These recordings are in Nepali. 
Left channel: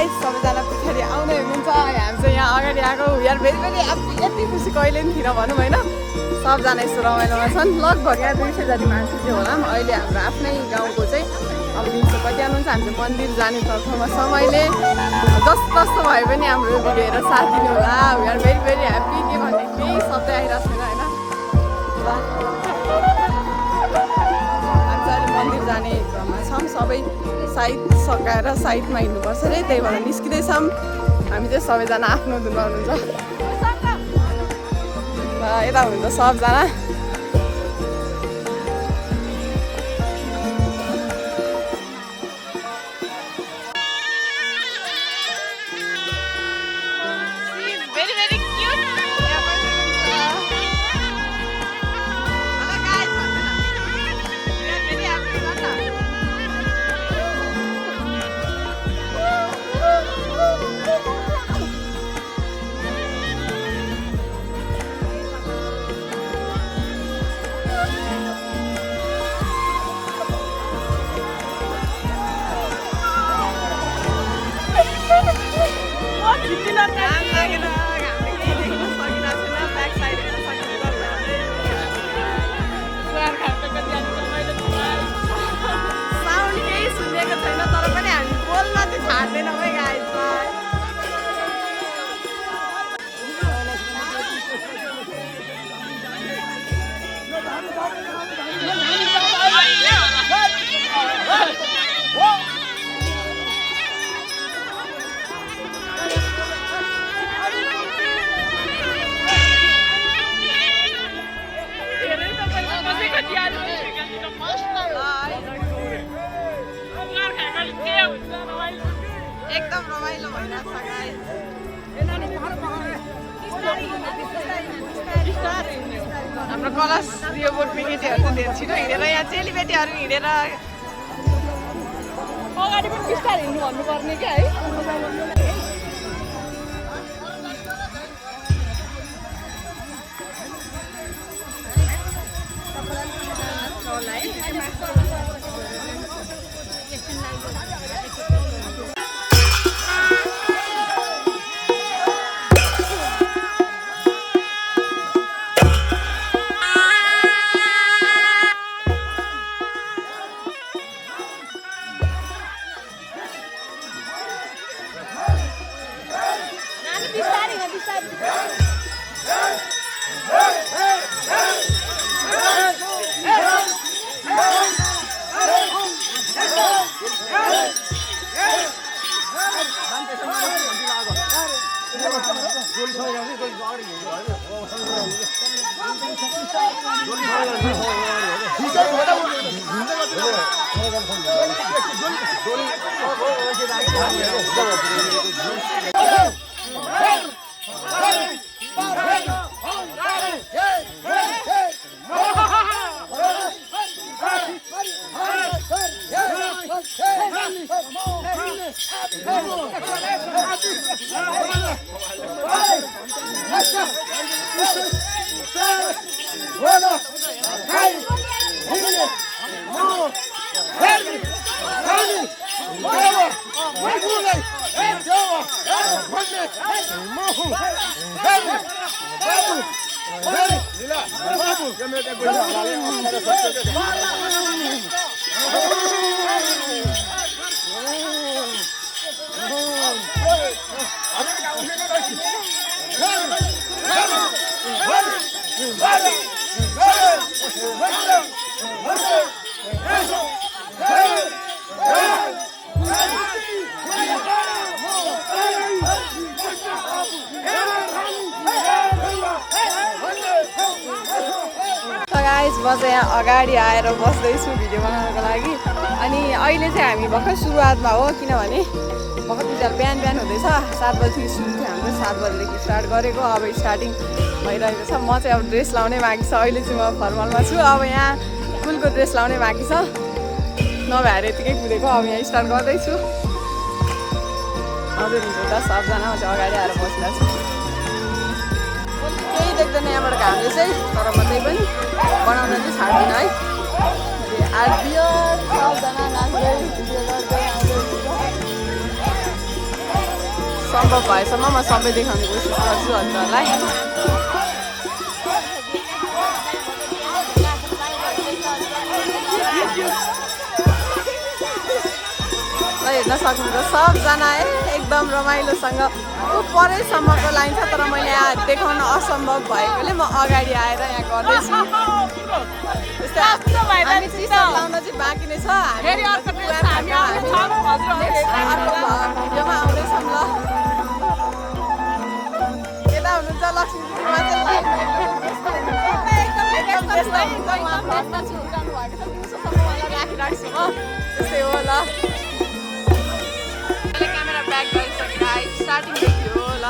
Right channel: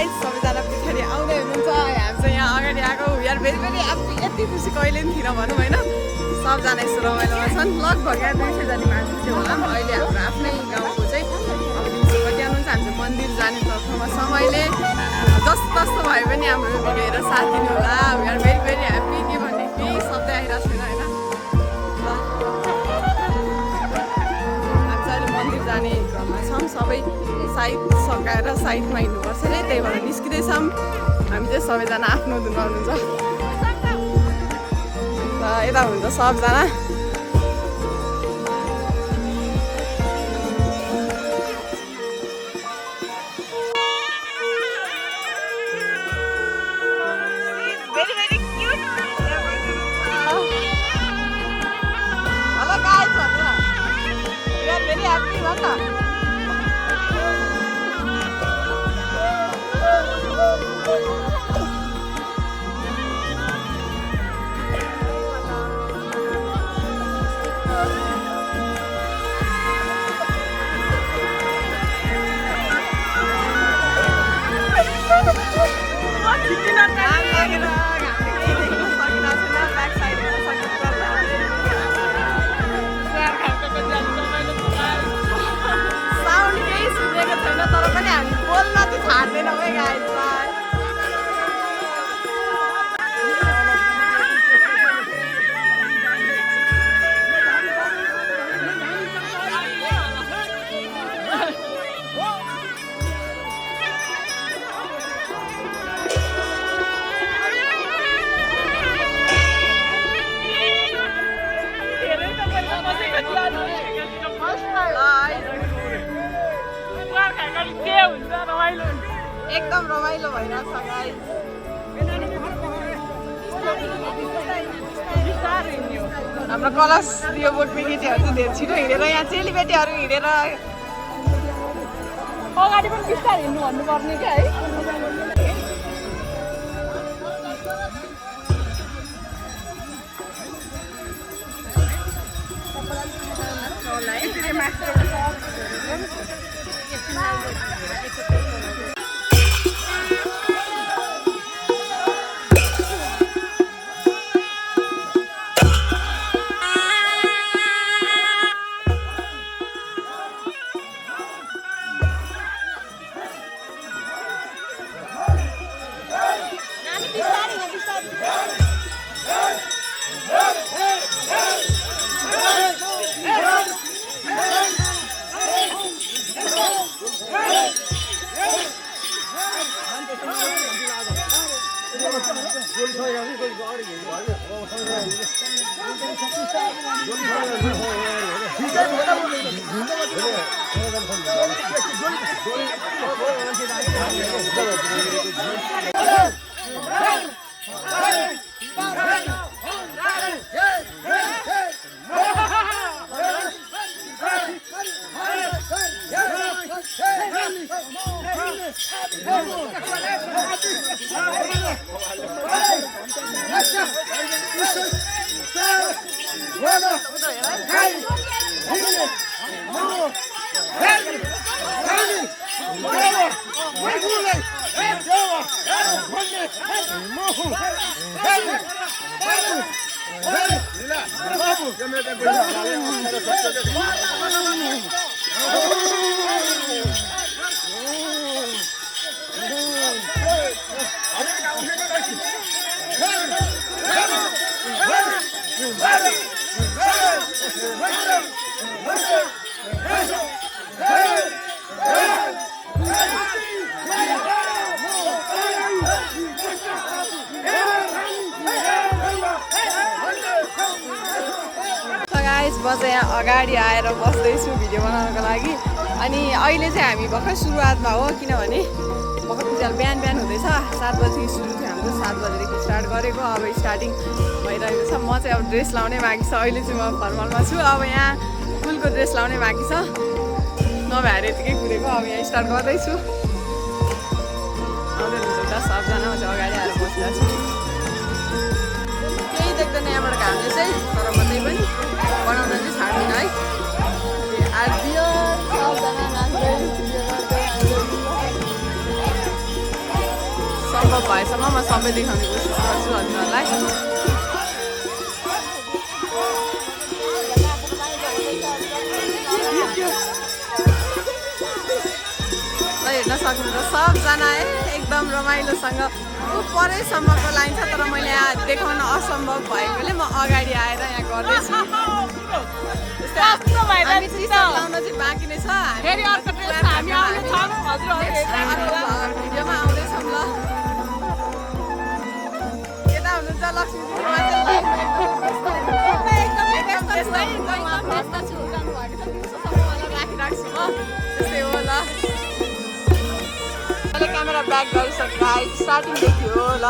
गाइस सबैजना पछाडि आउने हुनुहुन्छ हामी चाहिँ यहाँ अगाडि आएको यार भेरी भेरी यति खुसी कहिले पनि थिएन भनौँ होइन सबजना यस्तो रमाइलोमा छन् लगभग यहाँ 200 जति मान्छे चाहिँ होला अहिले हाम्रो आफ्नै गाउँको चाहिँ अब दिउँसो कति आउनुहुन्छ हामी चाहिँ मन्दिर जाने तर्फमा समयले जस्तो भए पनि हाम्रो भिडियो हेरेर साथ दिनु होला यार भेरी भेरी ह्याप्पी के भन्ने केही शब्द आइरहेको छैन होइन मन्दिर जाने क्रममा छौँ सबै साइड सकाएर साइडमा हिँड्नुपर्छ अरे त्यही भएर निस्किँदैछौँ हामी चाहिँ सबैजना आफ्नो धुनमा हुनुहुन्छ र यता हुन्छ सबजना छैन तर पनि हामी बोल्न चाहिँ छाड्दैनौँ है गाइजलाई एकदम रमाइलो भइरहेछ गाइस हाम्रो कलश यो बोट पिकेटीहरू चाहिँ धेरै छिटो हिँडेर यहाँ चेलीबेटीहरू हिँडेर म चाहिँ यहाँ अगाडि आएर बस्दैछु भिडियो बनाउनको लागि अनि अहिले चाहिँ हामी भर्खर सुरुवातमा हो किनभने भर्खर पूजाहरू बिहान हुँदैछ 7 बजी सुरु थियो हाम्रो 7 बजीदेखि स्टार्ट गरेको अब स्टार्टिङ भइरहेको छ म चाहिँ अब ड्रेस लाउनै बाँकी छ अहिले चाहिँ म फर्मलमा छु अब यहाँ फुलको ड्रेस लाउनै बाँकी छ नभएर यतिकै कुदेको अब यहाँ स्टार्ट गर्दैछु आउँदै हुन्छ त सबजना म चाहिँ अगाडि आएर बसिरहेको छु केही देख्दैन यहाँबाट घामले चाहिँ तर म चाहिँ पनि बनाउन चाहिँ छाड्दिनँ है आज बियर सबजना नाच्दै भिडियो गर्दै सम्भव भएसम्म म सबै देखाउने कोसिस गर्छु हजुरहरूलाई। ल हेर्न सक्नुहुन्छ सबजना है एकदम रमाइलोसँग परैसम्मको लाइन छ, तर मैले यहाँ देखाउन असम्भव भएकोले म अगाडि आएर यहाँ गर्दैछु। त्यस्तै हामी टी-सर्ट लाउन चाहिँ बाँकी नै छ। हामी अर्को भिडियोमा आउँदैछौँ। ल यता हुनुहुन्छ लक्ष्मी दिदीमा चाहिँ एकदम त्यस्तै उहाँ फर्स्टमा छुटिरहनु भएको छ, दिउँसोसम्म उहाँलाई राखिराख्छु म। त्यस्तै हो। ल मैले क्यामेरा ब्याक गरिसकेँ, स्टार्टिङदेखि हो। ल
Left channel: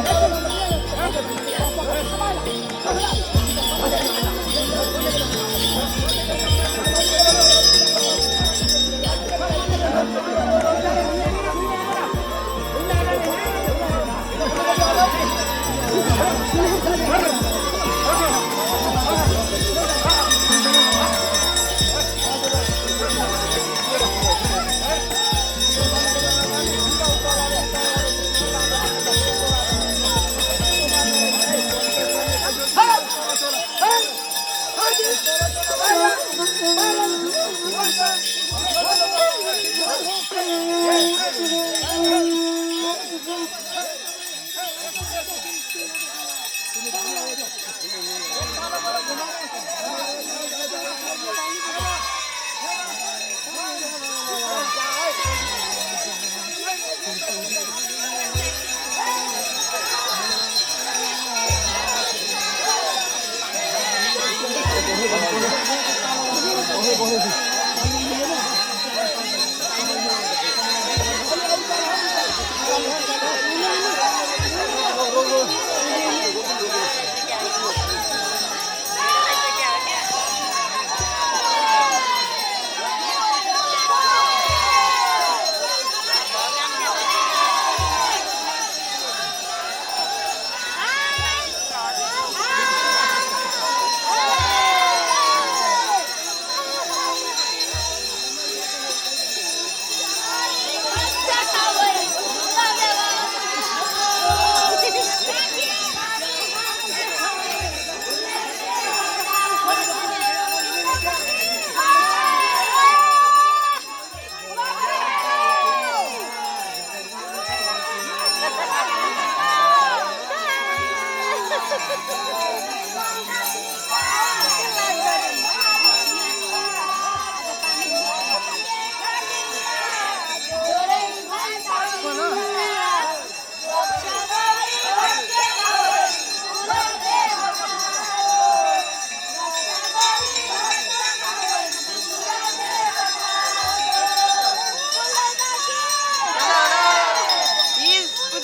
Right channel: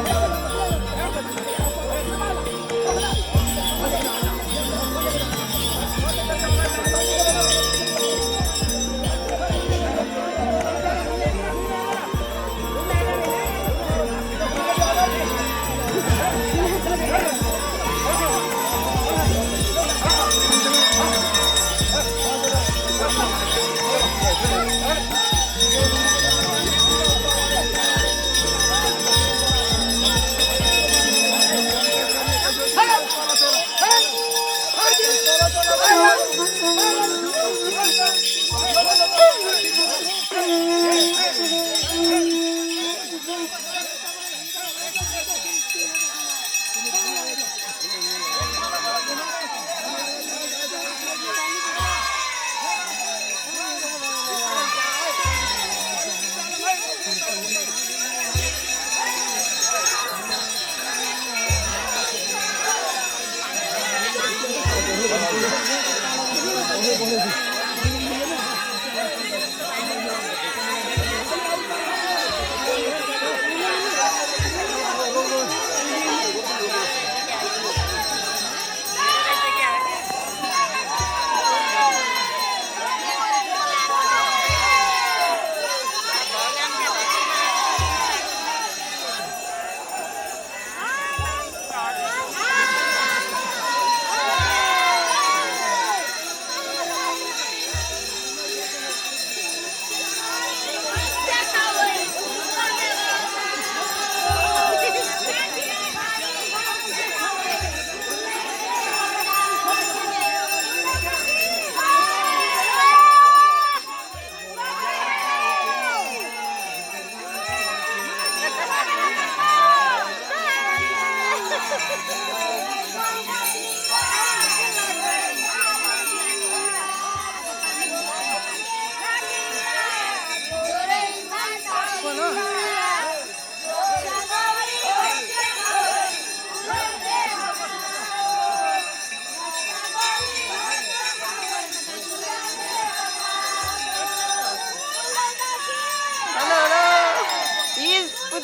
Thank you.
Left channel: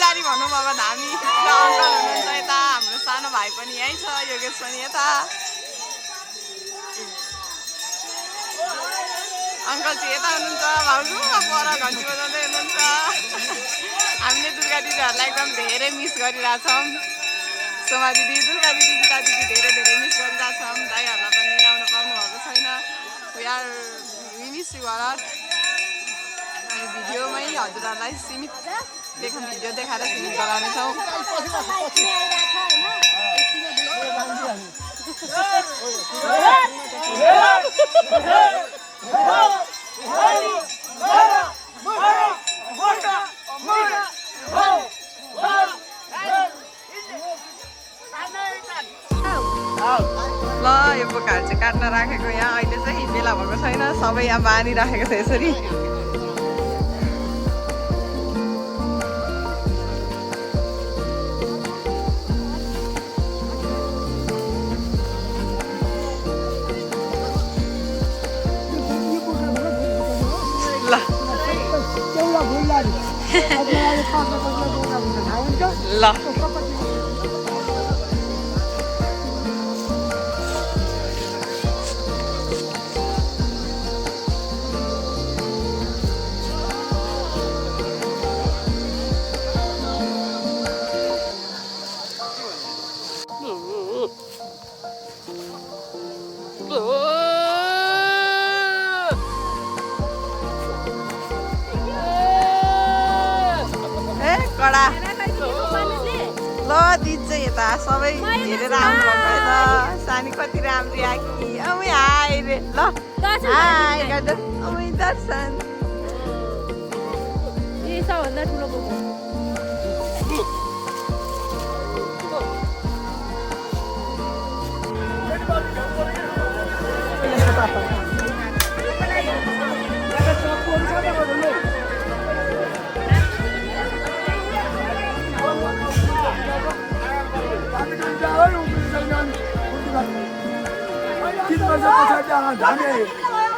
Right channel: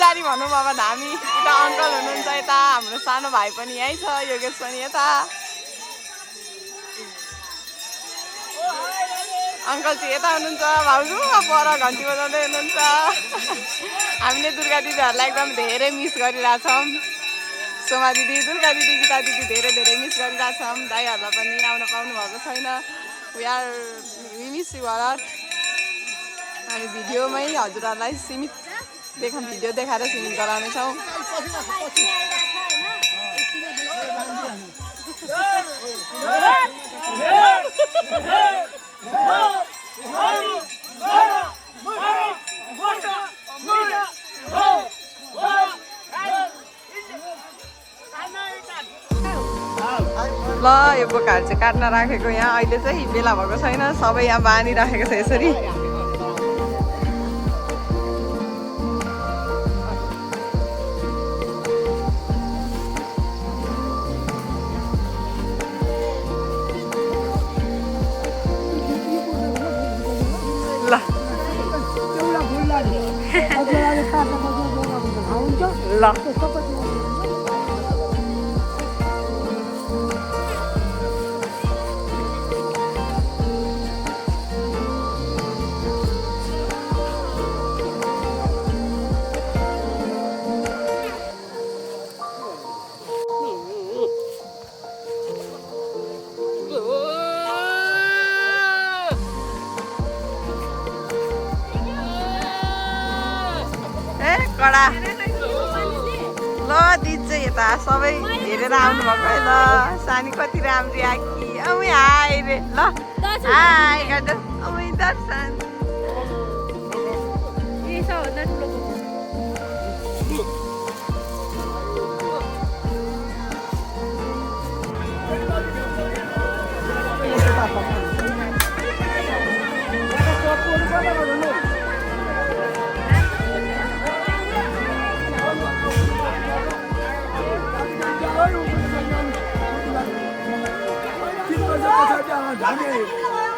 पुजारी भनौँ अब धामी यता अङ्कल हुनुहुन्छ यता हाम्रो सानो भाइ पनि यहीँ छ योगेश पनि यता अङ्कल चाहिँ यता हुनुहुन्छ भाउजू पर घन्टी बजाउँदै हुनुहुन्छ हामीले दुर्गा दिदीहरूलाई एकदम धेरै मिस गरिरहेछौँ सोमा दिदी दुर्गा दिदी गीता दिदी धेरै धेरै मिस गरिरहेछौँ दाइहरूलाई पनि आउन पाउनु भएको छैन वी मिस यु अलट हामी भिडियोमै हजुरहरूलाई सीमित भिडियो देखाएर सीमित गराउनेछौँ ल यो बोकाहरू चाहिँ काट्न राखेको यहाँ अहिले चाहिँ बेला भएको छैन सबै यहाँ बाँधिराखेको छ यसरी ल कडा ल दिदी चाहिँ यता सबै हेरेर आउनुभएको है ल सानी कति राम्री आकी औ हाय रे ल हाय गर्दा औ दर्शन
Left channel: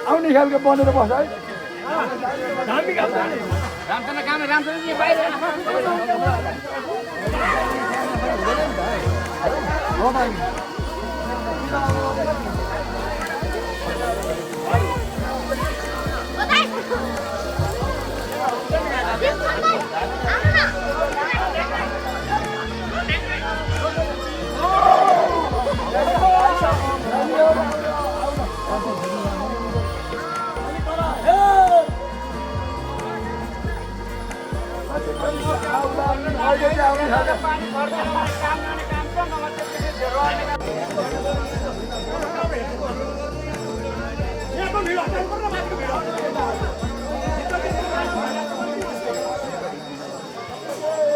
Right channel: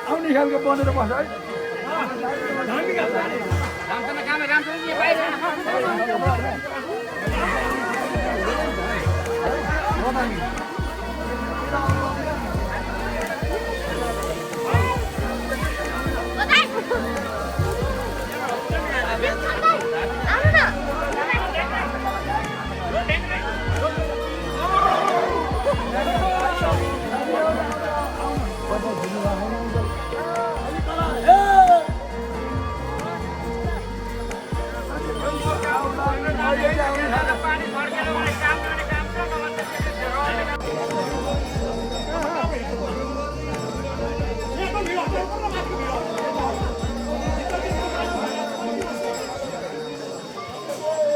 आउने खालको बनेर बस्छ है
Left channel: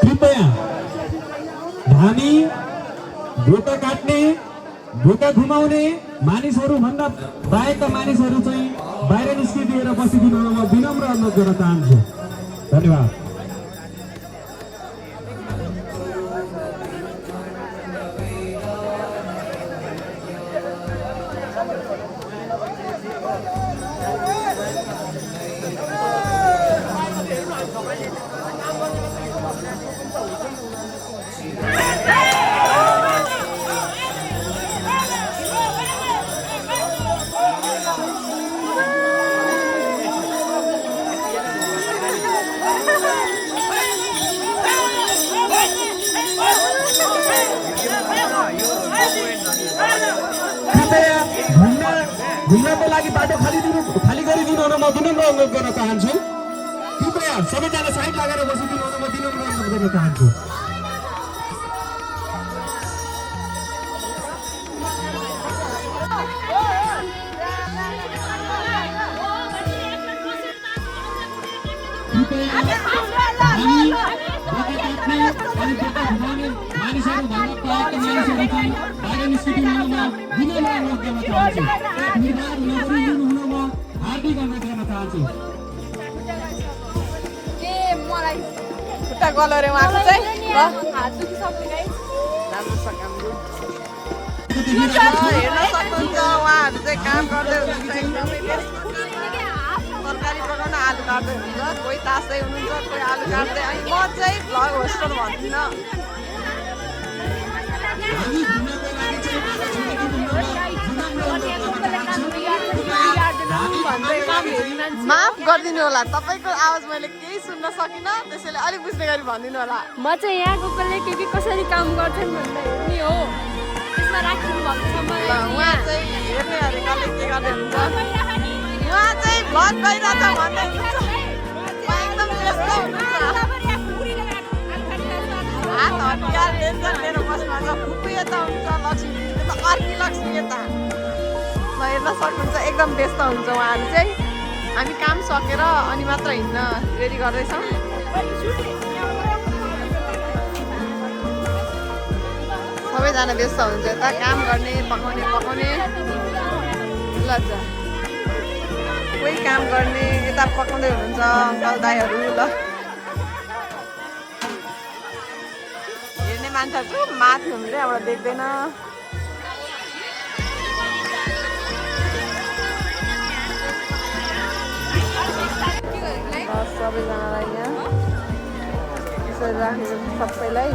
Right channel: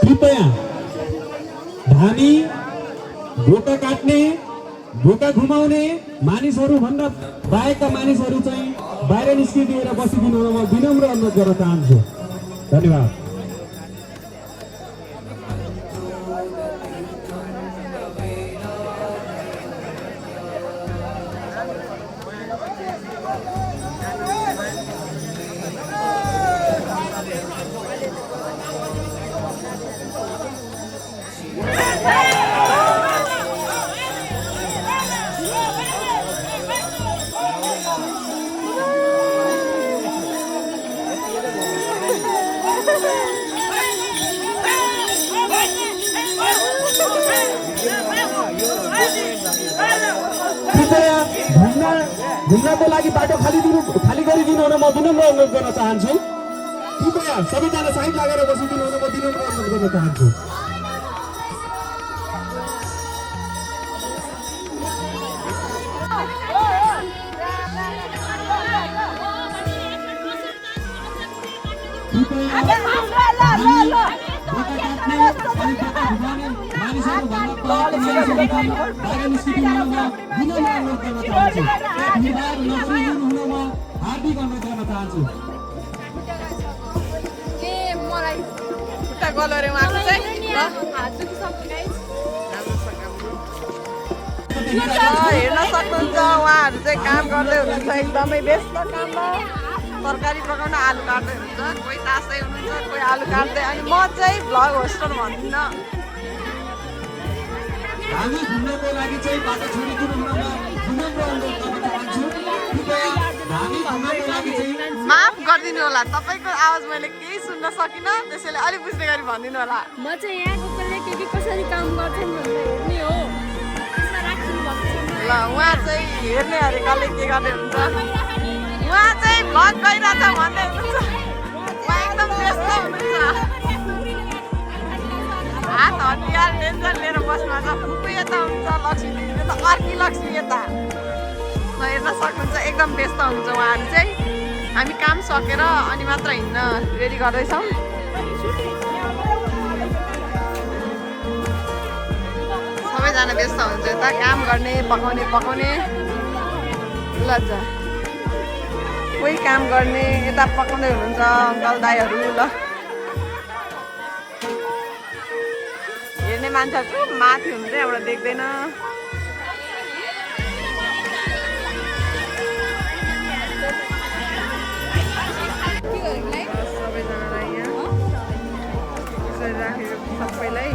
कृपया धामी बोका काट्ने बोका घुमाउने मानिसहरू भन्दा बाहेकका मानिसहरू चाहिँ बाहिर निस्किदिएर बसिदिनु म विनम्र अनुरोध गर्न चाहन्छु धन्यवाद घुम्नको लागि बाटो खाली गरिदिनु र म विनम्र अनुरोध गर्न चाहन्छु कृपया सबैजना साइड लागेर बसिदिनु र म विनम्र अनुरोध गर्न चाहन्छु मानिसहरू भन्दा प्राप्त मानिसहरू चाहिँ बाहिर निस्किदिनु म विनम्र अनुरोध गर्न चाहन्छु हार्दिक अनुरोध गर्न चाहन्छु मलाई खुट्टा गलोरे उहाँको चाहिँ हेर्न सक्नुहुन्छ उहाँहरू चाहिँ काम गर्दै हुनुहुन्छ एकदमै व्यस्त तरकारी पकाउन आलु काट्दै हुनुहुन्छ, कोही तास्दै हुनुहुन्छ, कोही आलु काट्दै। अनि म चाहिँ भ्लग होस्टर भन्दिनँ। हामी घुम्नको लागि चाहिँ बाटो छोडिदिनु विनम्र अनुरोध गर्न चाहन्छु। कृपया हामी घुम्नको लागि चाहिँ माफ गरिदिनु होला, तपाईँको आवाज मैले केही सुन्न सकिनँ, त्यसैले अलिक बुझ्ने गरी भनिदिनु होला। म चाहिँ यहाँको कसले के कसरी काम गर्छन् भनेर हेर्ने हो, त्यसमा राखिदिनु भएको छ मलाई। ल उहाँ चाहिँ हेर्ने अरे कसले के गर्दै हुन्छ, उहाँ चाहिँ भ्लग गरिरहेछ भन्दै हुनुहुन्छ, उहाँ एकदम व्यस्त हुनुहुन्छ। हात हतियार टेन्सन लिएर बस्नु भएको छ। फुपू यता हुन्छ, लक्ष्मी दिदी यता, अर्की लक्ष्मी यता, ल हेर्न सक्नुहुन्छ एकदम व्यस्त हुन्छ उहाँहरू चाहिँ। हामी काम सकेर अनि मात्र हिँड्न रेडी गर्दैछौँ। सबैजना व्यस्त हुन्छ यता काम गर्ने, पकाउने ल जा कोही काम गर्ने यता पकाउँदै हुनुहुन्छ अङ्कल दाईहरू। ल हेर्ने मान्छेहरू चुप माथि हुनुहुन्छ, यहाँबाट देख्दैन। सबैजनालाई यहाँ यसरी राखेको सबैलाई।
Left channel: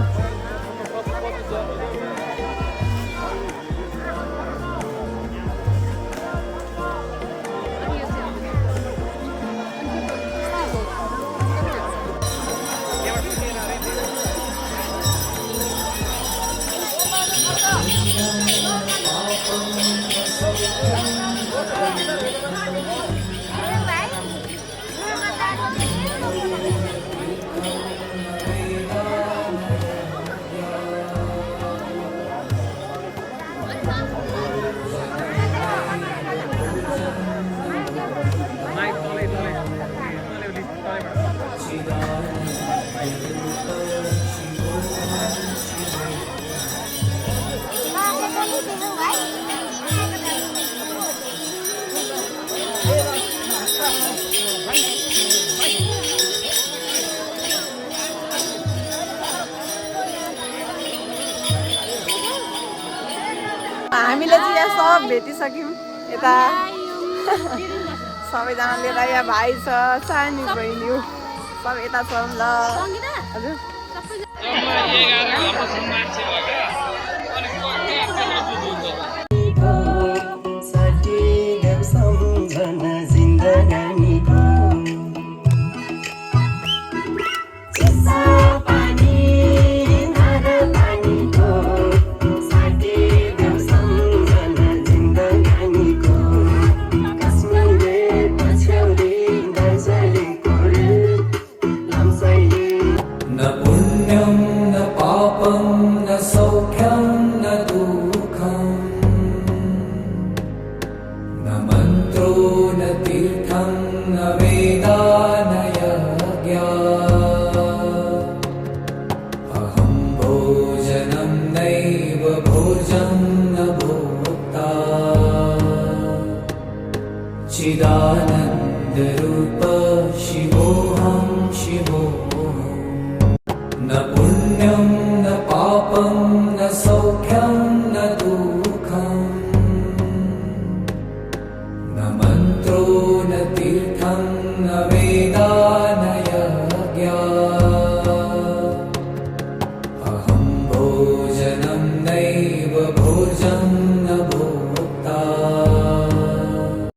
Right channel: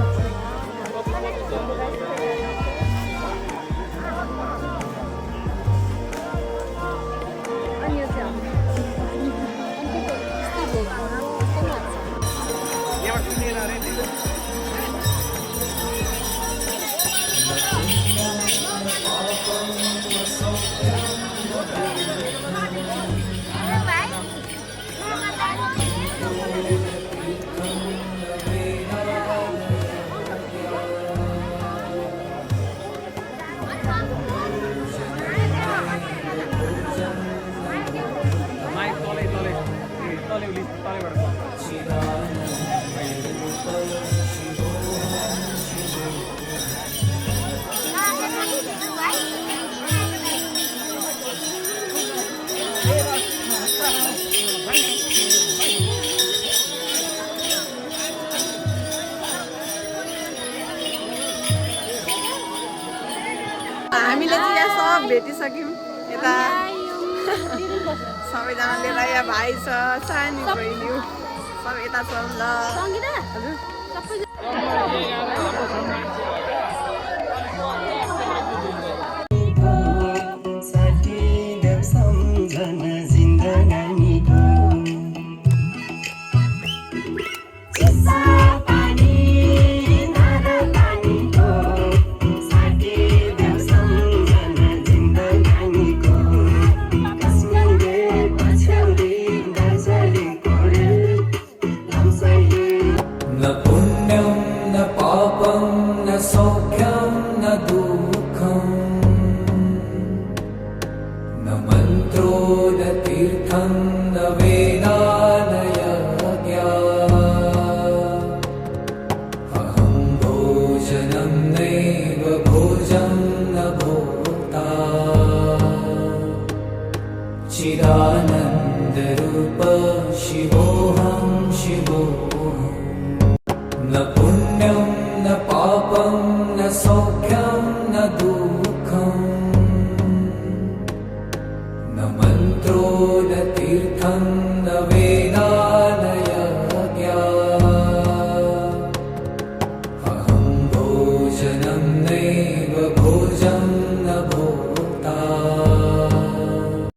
हामीले चाहिँ यहाँ सब भेटिसक्यौँ यता सबैजनाले यता यहाँ भाइ छ, सानो बहिनी सब यता छ। ल हजुर चिदानन्दरूप शिवोऽहं शिवोऽहं न